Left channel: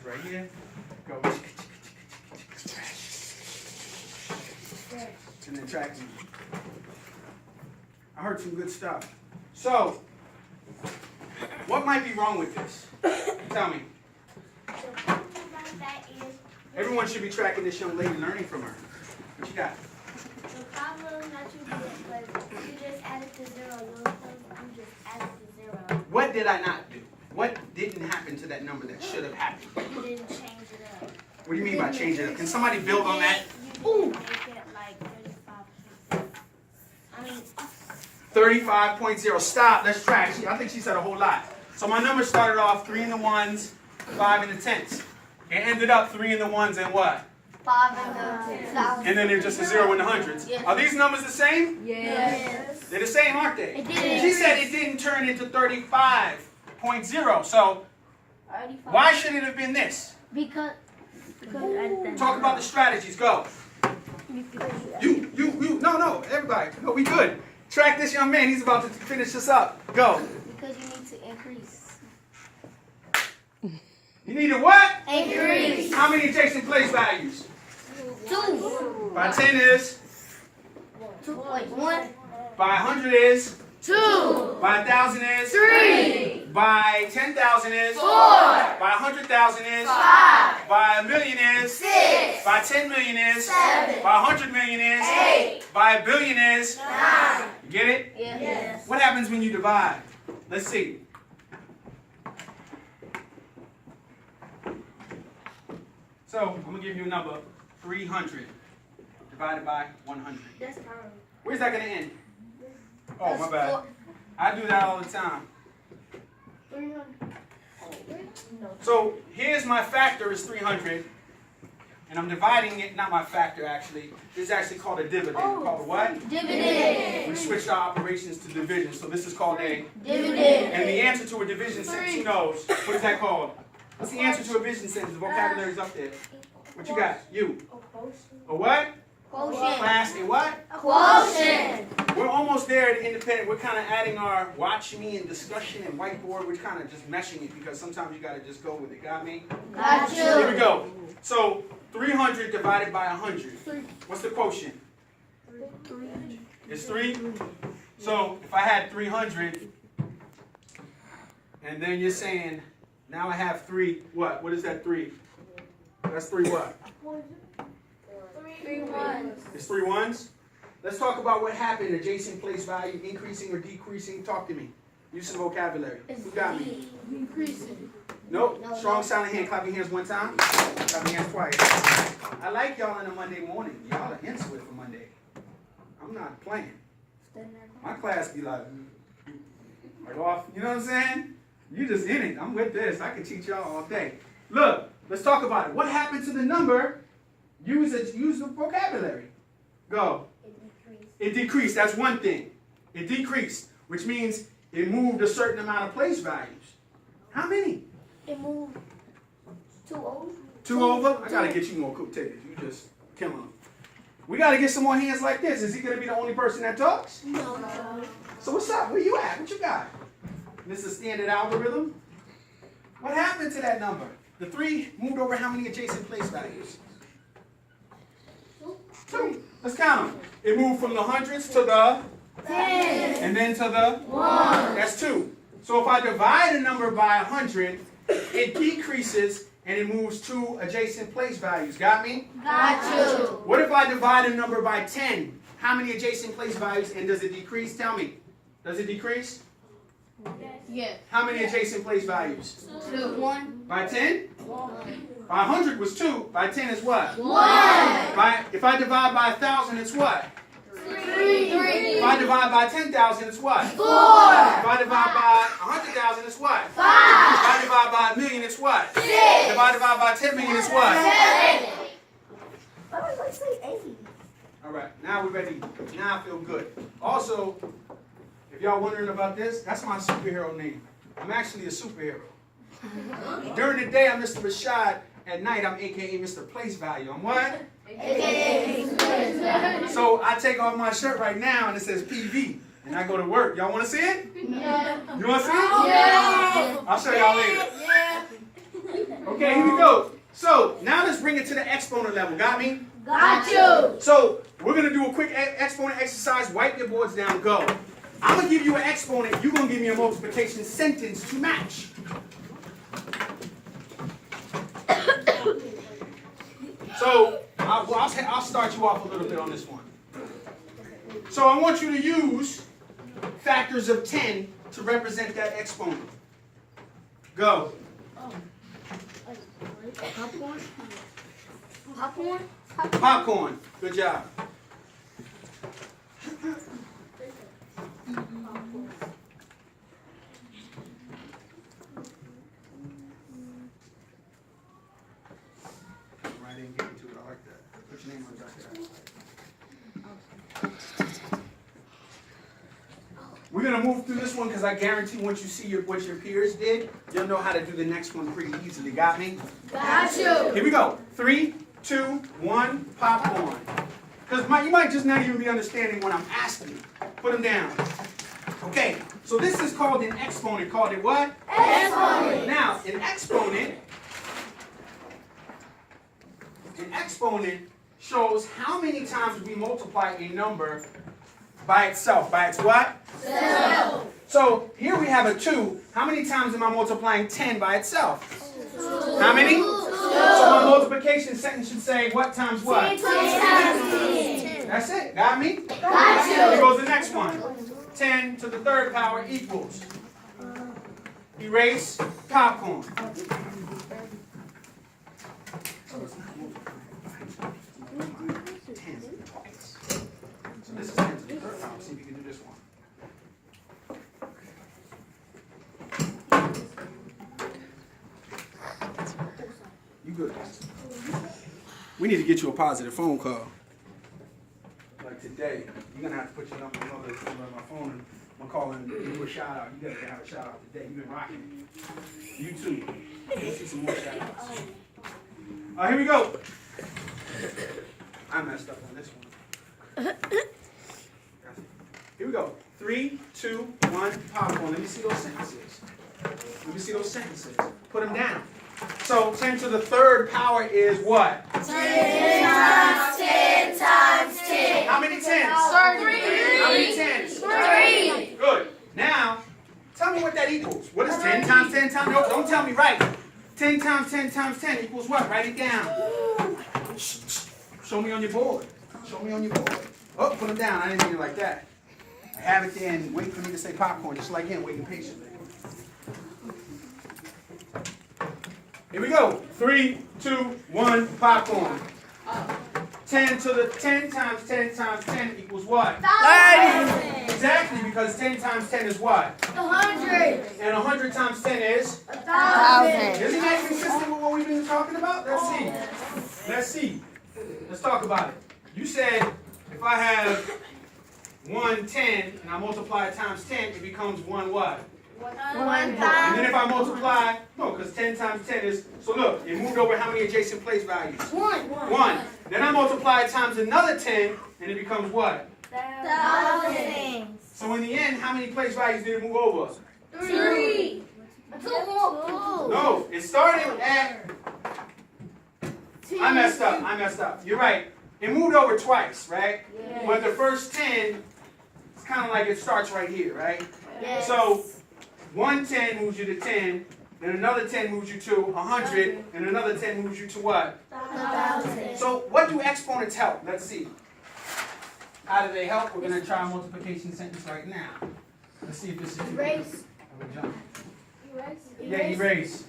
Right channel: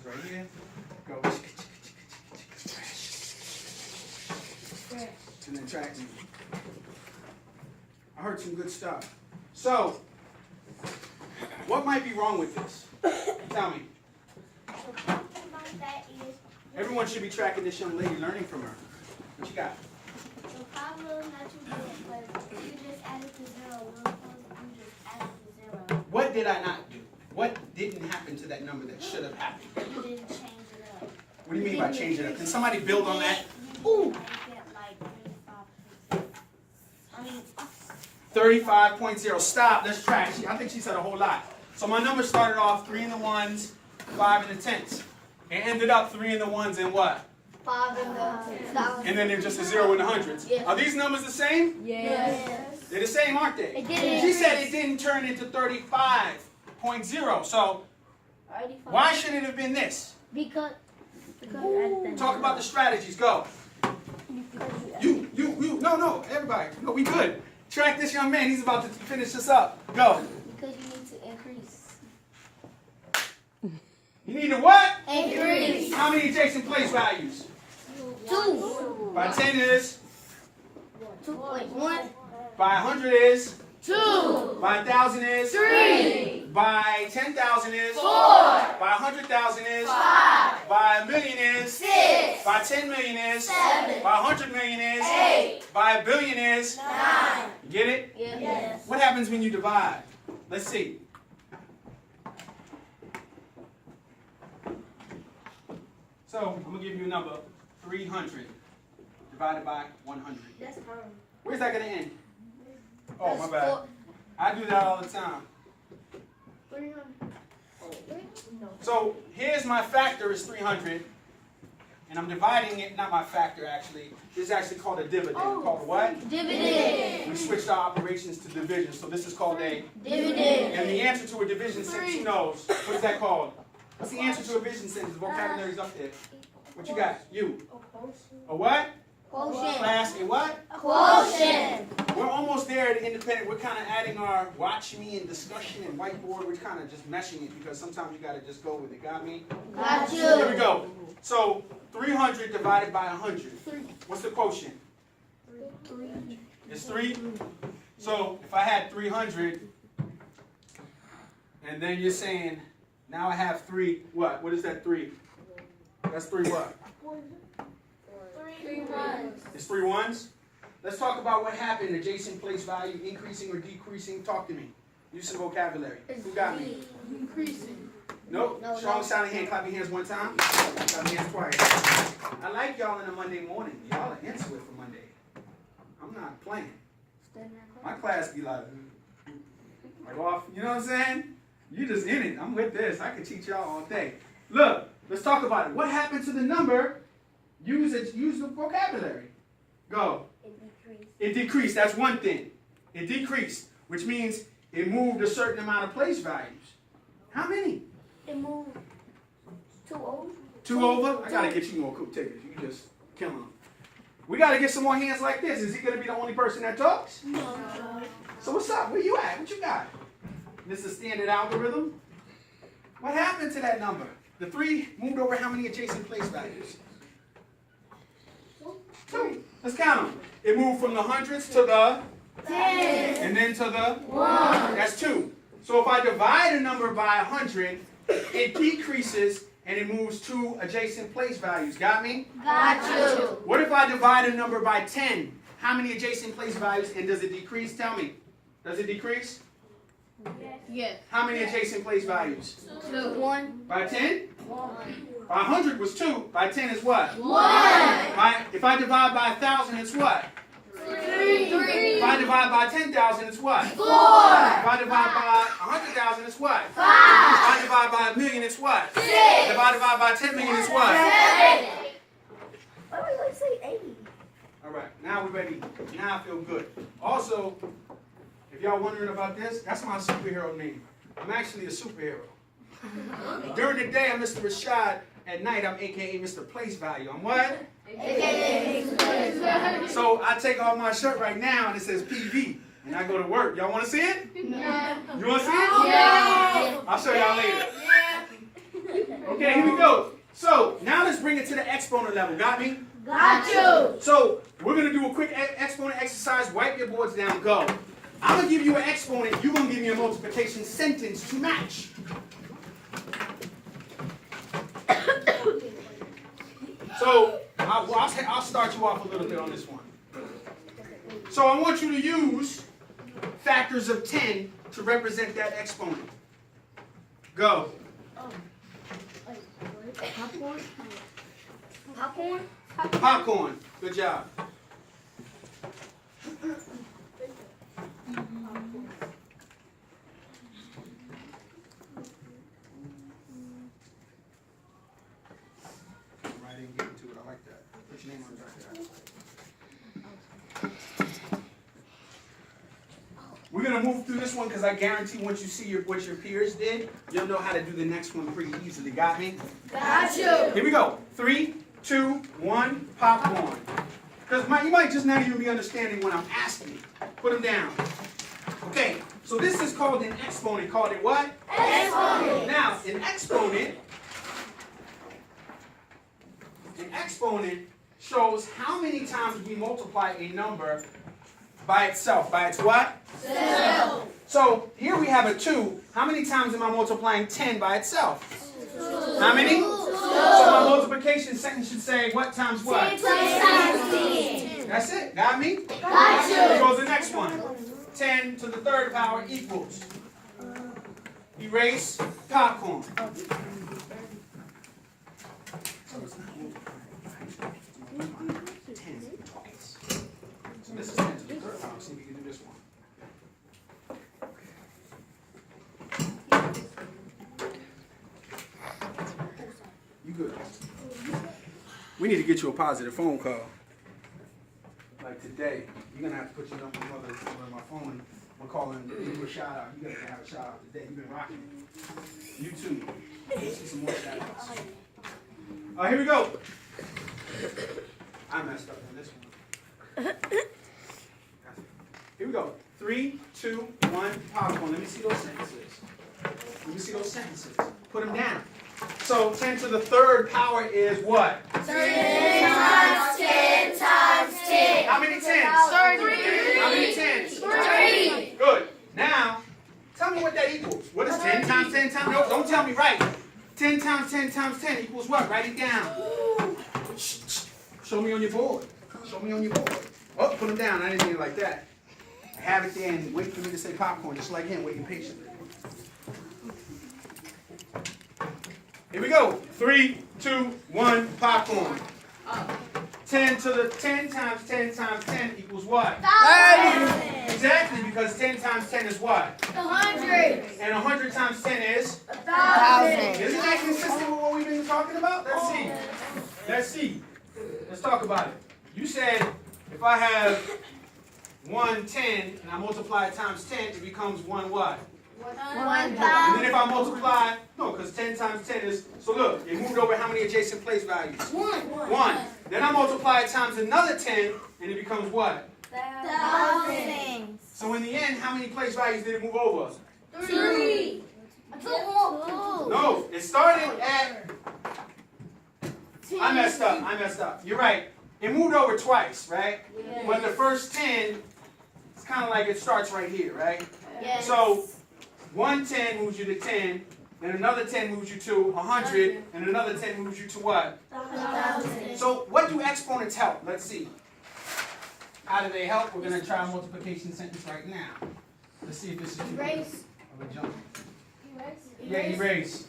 hands right here. Go. And then track me. I heard some good stuff. So, what might be wrong with this? Tell me. Everyone should be tracking this young lady, learning from her. What you got? The problem that you did was you just added to zero. You just added to zero. What did I not do? What didn't happen to that number that should have happened? You didn't change it up. What do you mean by change it up? Can somebody build on that? You didn't make it like 35. I mean, 35.0. Stop. Let's track. I think she said a whole lot. So my number started off 3 in the ones, 5 in the tens. It ended up 3 in the ones and what? 5 in the tens. And then there's just a 0 in the hundreds. Yes. Are these numbers the same? Yes. They're the same, aren't they? It didn't. She said it didn't turn into 35.0. So why should it have been this? Because Talk about the strategies. Go. You. No, everybody. No, we good. Track this young man. He's about to finish this up. Go. Because you need to increase. You need to what? Increase. How many adjacent place values? 2. By 10 is? 2.1. By 100 is? 2. By 1,000 is? 3. By 10,000 is? 4. By 100,000 is? 5. By a million is? 6. By 10 million is? 7. By 100 million is? 8. By a billion is? 9. You get it? Yes. What happens when you divide? Let's see. So, I'm going to give you a number. 300 divided by 100. That's terrible. Where's that going to end? Oh, my bad. I do that all the time. 300. So, here's my factor is 300. And I'm dividing it, not my factor actually. This is actually called a dividend. Called a what? Dividend. We switched our operations to division. So this is called a Dividend. And the answer to a division sentence, who knows? What is that called? What's the answer to a division sentence? The vocabulary's up there. What you got? You. A what? Quotient. Class, a what? Quotient. We're almost there at independent. We're kind of adding our watch me and discussion and whiteboard. We're kind of just meshing it because sometimes you got to just go with it. Got me? Got you. Here we go. So 300 divided by 100. What's the quotient? 3. It's 3. So if I had 300, and then you're saying, now I have 3, what? What is that 3? That's 3 what? 3 1. It's 3 ones? Let's talk about what happened. Adjacent place value, increasing or decreasing. Talk to me. Use some vocabulary. Who got me? Increasing. Nope. No, Strong no. silent hand. Clap your hands one time. Clap your hands twice. I like y'all on a Monday morning. Y'all are into it for Monday. I'm not playing. My class be like off. You know what I'm saying? You just in it. I'm with this. I can teach y'all all day. Look, let's talk about it. What happened to the number? Use the vocabulary. Go. It decreased. That's one thing. It decreased, which means it moved a certain amount of place values. How many? It moved 2 over. 2 over? I gotta get you more cool tickets. You just killing them. We gotta get some more hands like this. Is he gonna be the only person that talks? No. So what's up? Where you at? What you got? This is standard algorithm. What happened to that number? The 3 moved over how many adjacent place values? 2. Let's count them. It moved from the hundreds to the 10. and then to the 1. That's 2. So if I divide a number by 100, it decreases and it moves 2 adjacent place values. Got me? Got you. What if I divide a number by 10? How many adjacent place values and does it decrease? Tell me. Does it decrease? Yes. How many adjacent place values? 2. 1. By 10? 1. By 100 was 2. By 10 is what? 1. If I divide by 1,000, it's what? 3. If I divide by 10,000, it's what? 4. If I divide by 100,000, it's what? 5. If I divide by a million, it's what? 6. If I divide by 10 million, it's what? 7. Why did I say 8? All right, now we're ready. Now I feel good. Also, if y'all wondering about this, that's my superhero name. I'm actually a superhero. During the day, I'm Mr. Rashad. At night, I'm AKA Mr. Place Value. I'm what? So I take off my shirt right now and it says PV. And I go to work. Y'all want to see it? Yeah. You want to see it? Yeah. I'll show y'all later. Yeah. Okay. Okay, here we go. So, now let's bring it to the exponent level. Got me? Got you. So, we're going to do a quick exponent exercise. Wipe your boards down. Go. I'm going to give you an exponent. You're going to give me a multiplication sentence to match. So, I'll start you off a little bit on this one. So, I want you to use factors of 10 to represent that exponent. Go. Popcorn. Popcorn. Popcorn. Good job. I didn't get into it. I like that. Put your name on the back of that. We're going to move through this one because I guarantee once you see what your peers did, you'll know how to do the next one pretty easily. Got me? Got you. Here we go. 3, 2, 1, popcorn. Because you might just not even be understanding what I'm asking. Put them down. Okay, so this is called an exponent. Called it what? Exponent. Now, an exponent shows how many times we multiply a number by itself. By its what? Self. So here we have a 2. How many times am I multiplying 10 by itself? 2. How many? 2. So my multiplication sentence should say what times what? 10 times 10. That's it. Got me? Got you. Here goes the next one. 10 to the third power equals. Erase popcorn. So this is 10 to the third power. See if you can do this one. You good? We need to get you a positive phone call. Like today, you're gonna have to put your number on my phone and I'm calling give you a shout out. You gotta have a shout out today. You've been rocking. You too. Let's see some more shout outs. All right, here we go. I messed up on this one. Here we go. 3, 2, 1, popcorn. Let me see those sentences. Put them down. So 10 to the third power is what? 10 times 10 times 10. How many tens? 3. How many tens? 3. Good. Now, tell me what that equals. What is 10 times 10 times? No, don't tell me. Right. 10 times 10 times 10 equals what? Write it down. Show me on your board. Oh, put them down. I didn't mean it like that. I have it there and wait for me to say popcorn, just like him, waiting patiently. Here we go. 3, 2, 1, popcorn. 10 to the 10 times 10 times 10 equals what? 1,000. Exactly, because 10 times 10 is what? 100. And 100 times 10 is? 1,000. Isn't that consistent with what we've been talking about? Let's see. Let's talk about it. You said if I have 110 and I multiply it times 10, it becomes 1 what? 1,000. And then if I multiply, no, because 10 times 10 is, so look, it moved over how many adjacent place values? 1. Then I multiply it times another 10, and it becomes what? 1,000. So in the end, how many place values did it move over? 3. 2. No, it started at, I messed up. You're right. It moved over twice, right? Yes. But the first 10, it's kind of like it starts right here, right? Yes. So 110 moves you to 10, then another 10 moves you to 100, and another 10 moves you to what? 1,000. So what do exponents help? Let's see. How do they help? We're going to try a multiplication sentence right now. Let's see if this is too Erase. of a jump. Erase. Yeah, erase.